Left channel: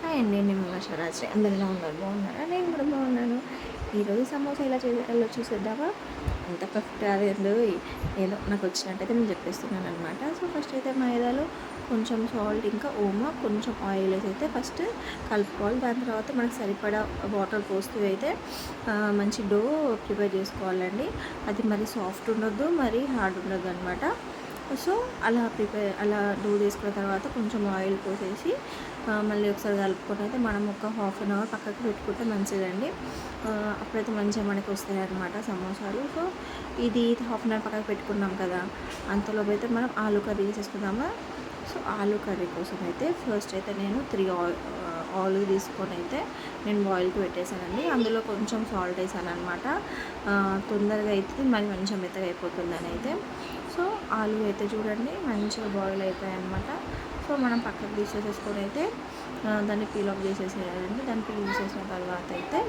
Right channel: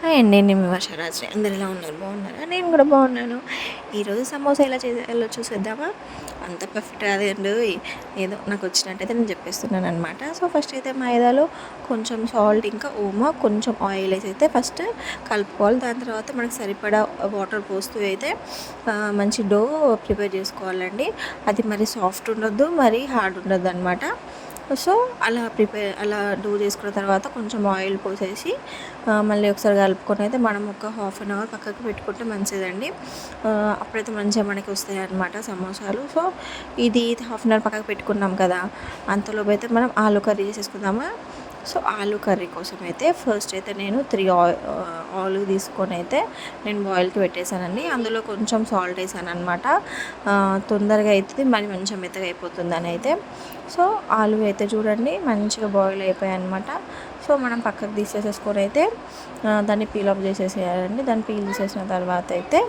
Hi అండి. నేను మీ వర్షరాజుని. అందరూ ఎలా ఉన్నారు? బాగున్నారా? నేను కూడా బాగున్నాను. ఈరోజు సమోసా ఎలా చేయాలో చూసేద్దామా? అంత పర్ఫెక్ట్ కాదండోయ్. ఏదో నాకు వచ్చినట్టయితే నేను చెప్పేస్తున్నాను అనమాట. సో, ఫస్ట్ అయితే మైదాలో కొంచెం సాల్ట్, ఇంకా ఓమా, కొంచెం ఆయిల్ వేసి అయితే ఫస్ట్ కలుపుకోవాలి. దాని తర్వాత మనకు సరిపడా వాటర్ పోస్తూ అయితే మంచి డో ప్రిపేర్ చేసుకోవాలండి. అది మరి సాఫ్ట్ ఉండొద్దు, మరి హార్డ్ ఉండొద్దు అనమాట. సో, అలా డో చేసుకున్న తర్వాత కొంచెం ఆయిల్ పోసేసి మళ్ళీ ఒకసారి కలుపుకొని అయితే మనం ఒక హాఫ్ అన్ అవర్ పక్కకు పెట్టుకుంటే మంచిదండి. అప్పుడైతే మంచిగా మనకి వస్తాయి అన్నమాట సమోసాలు. సో, ఇది హాఫ్ అన్ అవర్ పక్కకు పెట్టుకున్నాం కదా, అంతలోపు అయితే మనం ఆలు కర్రీ చేసేసుకుందాము. సో, ఆలు కర్రీ కోసం అయితే ఫస్ట్ అయితే నేను 3 ఆలు తీసుకొని అయితే నేను బాయిల్కి పెట్టేశానండి. అందులో కొంచెం సాల్ట్ వేసాను అనమాట. తొందరగా అవుతుంది, మరి మంచిగా మెత్తగా అయిపోతుందని అయితే. సో, ఆలు అయితే చూడండి మంచిగా బాయిల్ అయిపోయాయి అనమాట. సో, మనం పక్కకు తీసేసేసుకొని అయితే దాన్ని పీల్ ఆఫ్ చేసేసేయాలండి. దాన్ని పీల్ చేసిన తర్వాత అయితే